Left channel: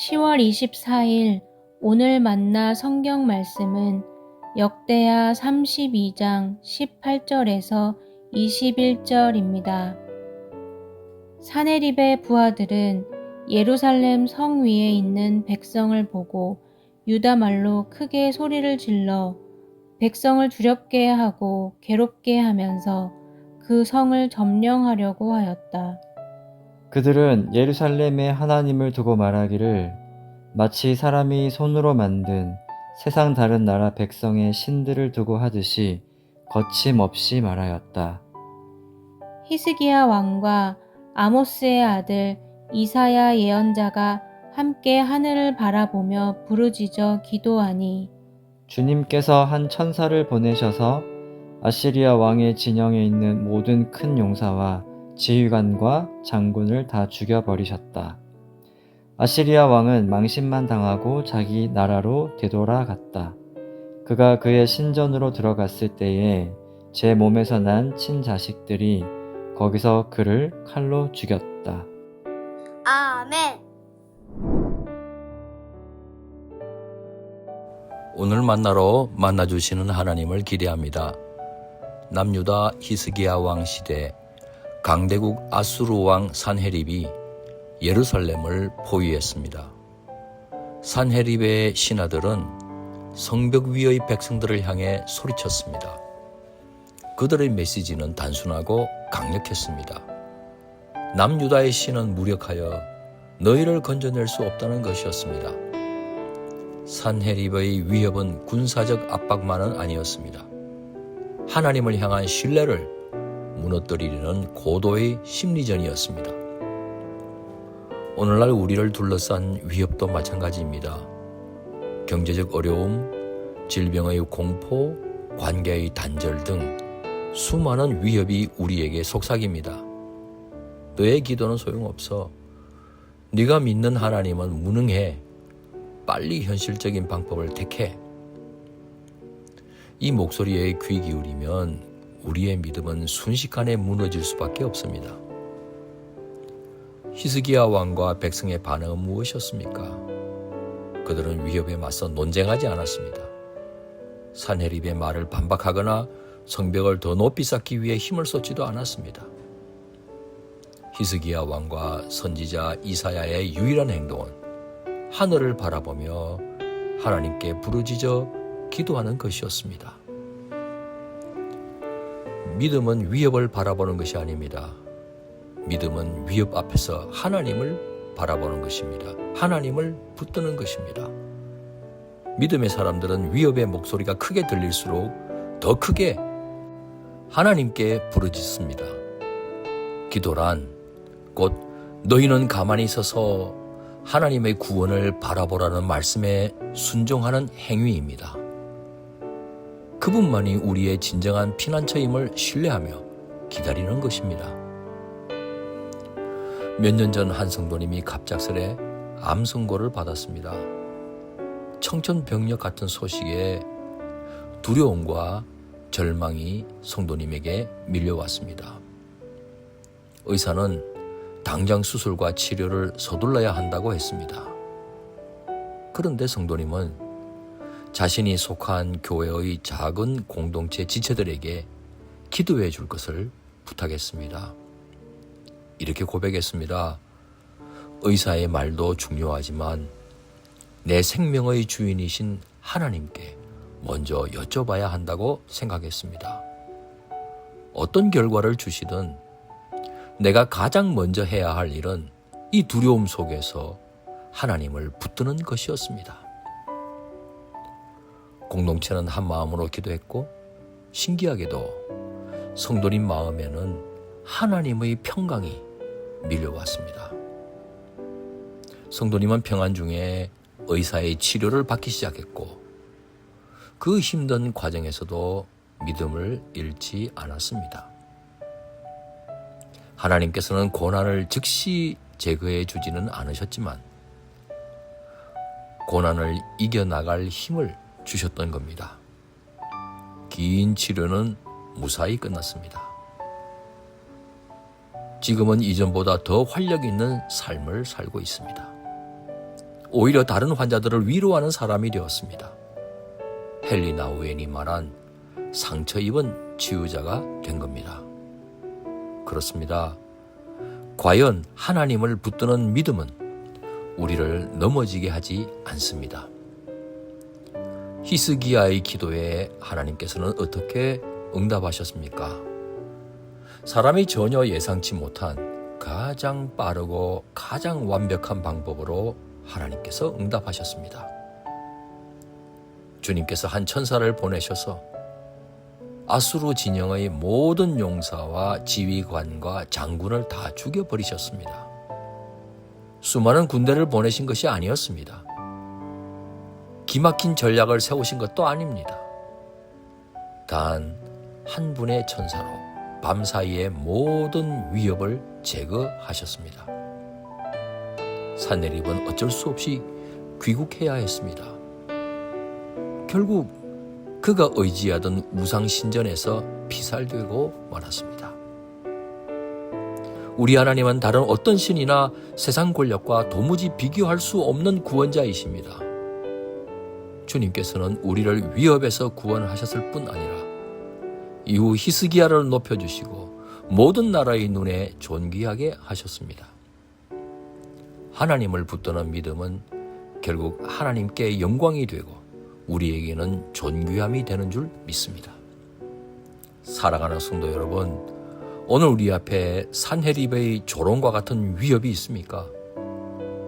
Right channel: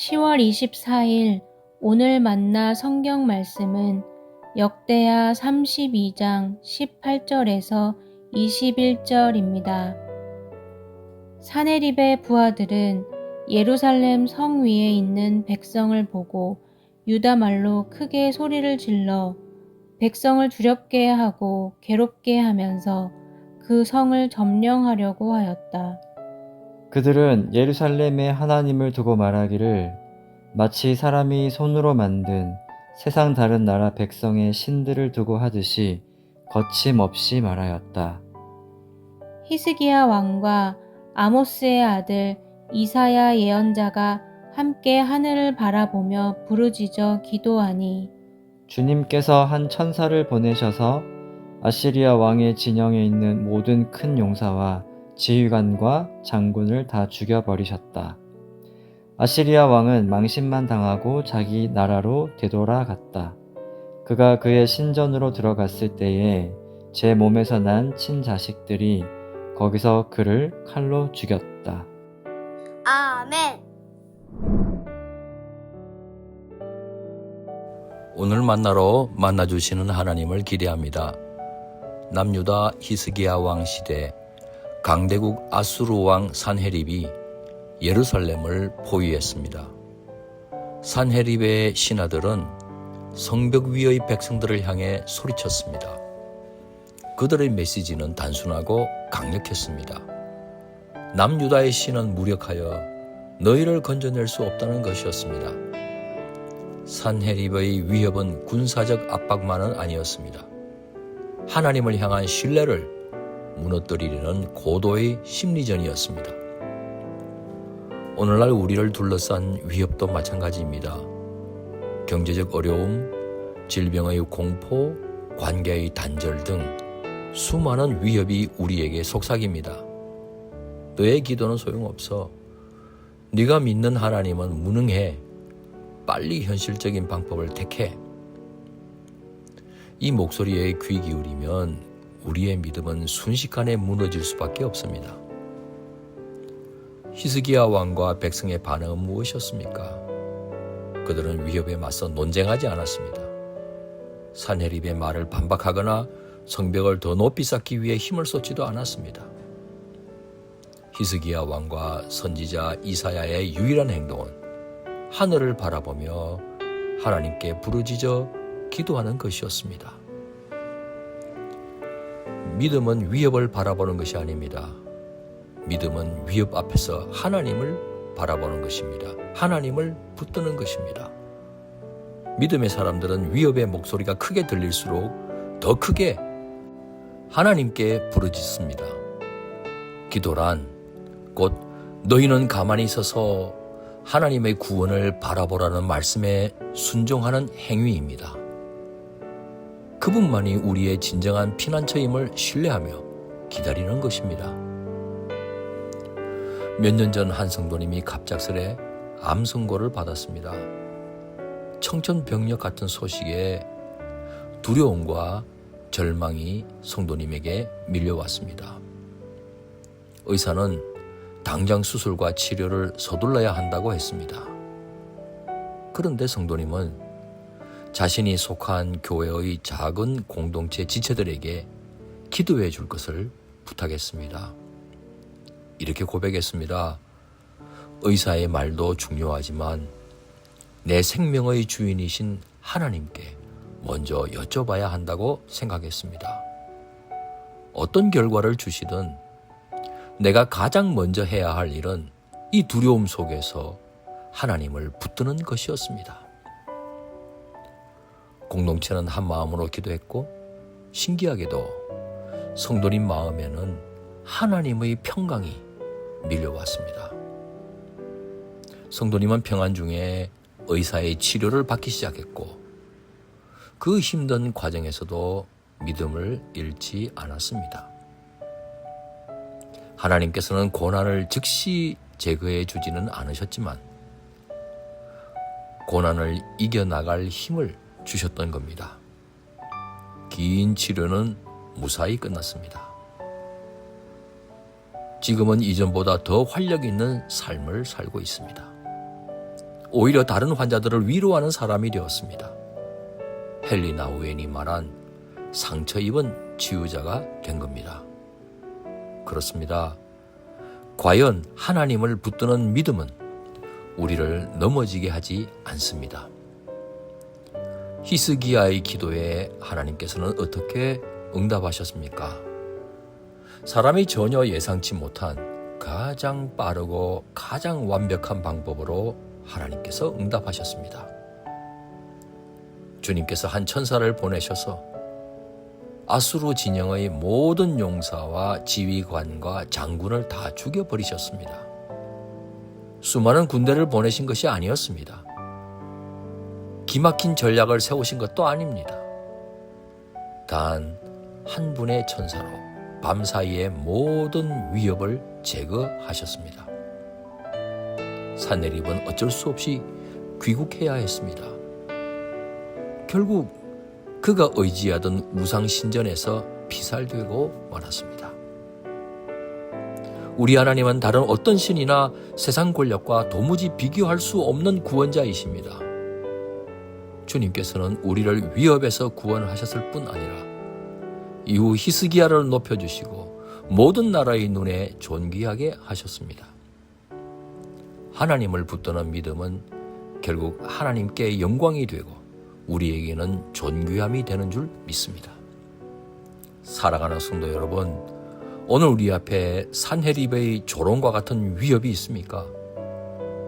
10월 24일 오늘 만나 성경 말씀은 역대하 32장 18절에서 21절입니다. 사네립의 부하들은 예루살렘 성 위에 있는 백성을 보고 유다 말로 크게 소리를 질러 백성을 두렵게 하고 괴롭게 하면서 그 성을 점령하려고 하였다. 그들은 예루살렘에 하나님을 두고 말하기를 마치 사람이 손으로 만든 세상 다른 나라 백성의 신들을 두고 하듯이 거침없이 말하였다. 히스기야 왕과 아모스의 아들 이사야 예언자가 함께 하늘을 바라보며 부르짖어 기도하니 주님께서 한 천사를 보내셔서 아시리아 왕의 진영에 있는 모든 큰 용사와 지휘관과 장군을 다 죽여버리셨다. 아시리아 왕은 망신만 당하고 자기 나라로 되돌아갔다. 그가 그의 신전으로 들어갔을 때에 제 몸에서 난 친자식들이 거기서 그를 칼로 죽였다. 아멘. 오늘 만나러 만나주시는 하나님을 기대합니다. 남유다 히스기야 왕 시대 강대국 아수르 왕 산헤립이 예루살렘을 포위했습니다. 산헤립의 신하들은 성벽 위의 백성들을 향해 소리쳤습니다. 그들의 메시지는 단순하고 강력했습니다. 남유다의 신은 무력하여 너희를 건져낼 수 없다는 것이었습니다. 산헤립의 위협은 군사적 압박만은 아니었습니다. 하나님을 향한 신뢰를 무너뜨리려는 고도의 심리전이었습니다. 오늘날 우리를 둘러싼 위협도 마찬가지입니다. 경제적 어려움, 질병의 공포, 관계의 단절 등 수많은 위협이 우리에게 속삭입니다. 너의 기도는 소용없어. 네가 믿는 하나님은 무능해. 빨리 현실적인 방법을 택해. 이 목소리에 귀 기울이면 우리의 믿음은 순식간에 무너질 수밖에 없습니다. 히스기야 왕과 백성의 반응은 무엇이었습니까? 그들은 위협에 맞서 논쟁하지 않았습니다. 산헤립의 말을 반박하거나 성벽을 더 높이 쌓기 위해 힘을 쏟지도 않았습니다. 히스기야 왕과 선지자 이사야의 유일한 행동은 하늘을 바라보며 하나님께 부르짖어 기도하는 것이었습니다. 믿음은 위협을 바라보는 것이 아닙니다. 믿음은 위협 앞에서 하나님을 바라보는 것입니다. 하나님을 붙드는 것입니다. 믿음의 사람들은 위협의 목소리가 크게 들릴수록 더 크게 하나님께 부르짖습니다. 기도란 곧 너희는 가만히 서서 하나님의 구원을 바라보라는 말씀에 순종하는 행위입니다. 그분만이 우리의 진정한 피난처임을 신뢰하며 기다리는 것입니다. 몇 년 전 한 성도님이 갑작스레 암 선고를 받았습니다. 청천벽력 같은 소식에 두려움과 절망이 성도님에게 밀려왔습니다. 의사는 당장 수술과 치료를 서둘러야 한다고 했습니다. 그런데 성도님은 자신이 속한 교회의 작은 공동체 지체들에게 기도해 줄 것을 부탁했습니다. 이렇게 고백했습니다. 의사의 말도 중요하지만 내 생명의 주인이신 하나님께 먼저 여쭤봐야 한다고 생각했습니다. 어떤 결과를 주시든 내가 가장 먼저 해야 할 일은 이 두려움 속에서 하나님을 붙드는 것이었습니다. 공동체는 한 마음으로 기도했고 신기하게도 성도님 마음에는 하나님의 평강이 밀려왔습니다. 성도님은 평안 중에 의사의 치료를 받기 시작했고 그 힘든 과정에서도 믿음을 잃지 않았습니다. 하나님께서는 고난을 즉시 제거해 주지는 않으셨지만 고난을 이겨나갈 힘을 주셨던 겁니다. 긴 치료는 무사히 끝났습니다. 지금은 이전보다 더 활력 있는 삶을 살고 있습니다. 오히려 다른 환자들을 위로하는 사람이 되었습니다. 헨리 나우엔이 말한 상처 입은 치유자가 된 겁니다. 그렇습니다. 과연 하나님을 붙드는 믿음은 우리를 넘어지게 하지 않습니다. 히스기야의 기도에 하나님께서는 어떻게 응답하셨습니까? 사람이 전혀 예상치 못한 가장 빠르고 가장 완벽한 방법으로 하나님께서 응답하셨습니다. 주님께서 한 천사를 보내셔서 아수르 진영의 모든 용사와 지휘관과 장군을 다 죽여버리셨습니다. 수많은 군대를 보내신 것이 아니었습니다. 기막힌 전략을 세우신 것도 아닙니다. 단 한 분의 천사로 밤사이에 모든 위협을 제거하셨습니다. 산헤립은 어쩔 수 없이 귀국해야 했습니다. 결국 그가 의지하던 우상 신전에서 피살되고 말았습니다. 우리 하나님은 다른 어떤 신이나 세상 권력과 도무지 비교할 수 없는 구원자이십니다. 주님께서는 우리를 위협에서 구원하셨을 뿐 아니라 이후 히스기야를 높여주시고 모든 나라의 눈에 존귀하게 하셨습니다. 하나님을 붙드는 믿음은 결국 하나님께 영광이 되고 우리에게는 존귀함이 되는 줄 믿습니다. 사랑하는 성도 여러분, 오늘 우리 앞에 산헤립의 조롱과 같은 위협이 있습니까?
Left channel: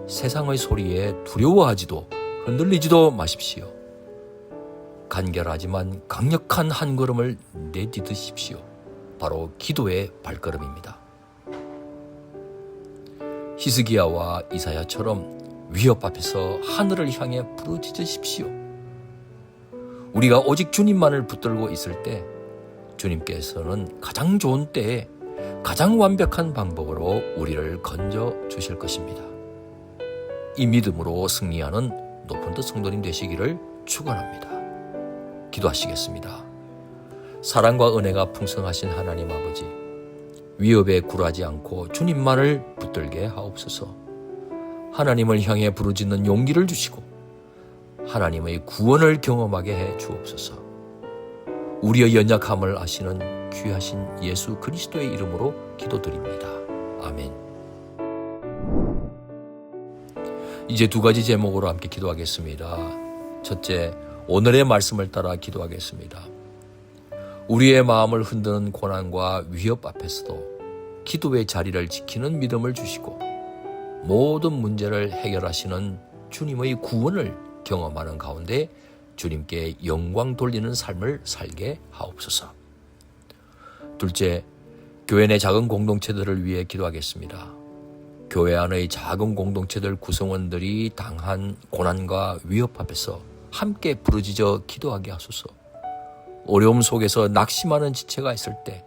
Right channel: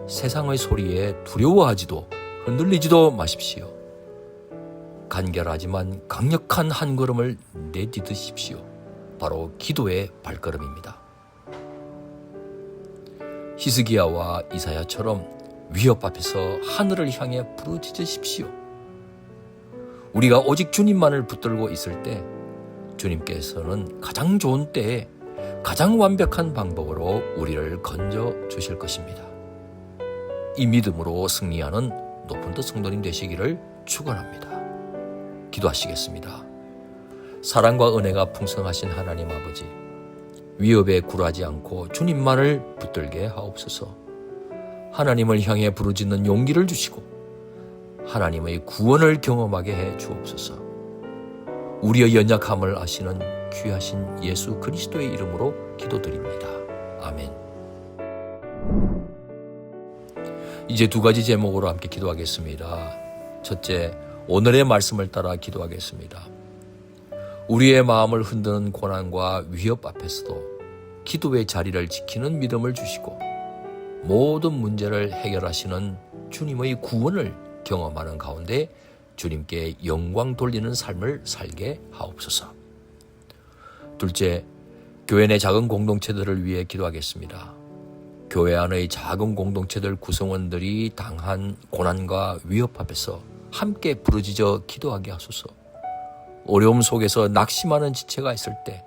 세상의 소리에 두려워하지도 흔들리지도 마십시오. 간결하지만 강력한 한 걸음을 내디드십시오. 바로 기도의 발걸음입니다. 히스기야와 이사야처럼 위협 앞에서 하늘을 향해 부르짖으십시오. 우리가 오직 주님만을 붙들고 있을 때 주님께서는 가장 좋은 때에 가장 완벽한 방법으로 우리를 건져 주실 것입니다. 이 믿음으로 승리하는 높은 뜻 성도님 되시기를 축원합니다. 기도하시겠습니다. 사랑과 은혜가 풍성하신 하나님 아버지, 위협에 굴하지 않고 주님만을 붙들게 하옵소서. 하나님을 향해 부르짖는 용기를 주시고 하나님의 구원을 경험하게 해 주옵소서. 우리의 연약함을 아시는 귀하신 예수 그리스도의 이름으로 기도드립니다. 아멘. 이제 두 가지 제목으로 함께 기도하겠습니다. 첫째, 오늘의 말씀을 따라 기도하겠습니다. 우리의 마음을 흔드는 고난과 위협 앞에서도 기도의 자리를 지키는 믿음을 주시고 모든 문제를 해결하시는 주님의 구원을 경험하는 가운데 주님께 영광 돌리는 삶을 살게 하옵소서. 둘째, 교회 내 작은 공동체들을 위해 기도하겠습니다. 교회 안의 작은 공동체들 구성원들이 당한 고난과 위협 앞에서 함께 부르짖어 기도하게 하소서. 어려움 속에서 낙심하는 지체가 있을 때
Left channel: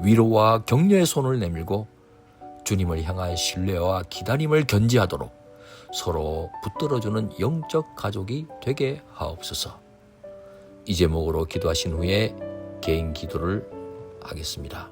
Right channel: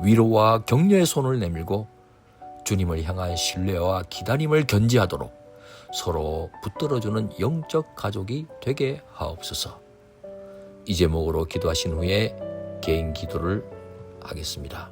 위로와 격려의 손을 내밀고 주님을 향한 신뢰와 기다림을 견지하도록 서로 붙들어주는 영적 가족이 되게 하옵소서. 이 제목으로 기도하신 후에 개인 기도를 하겠습니다.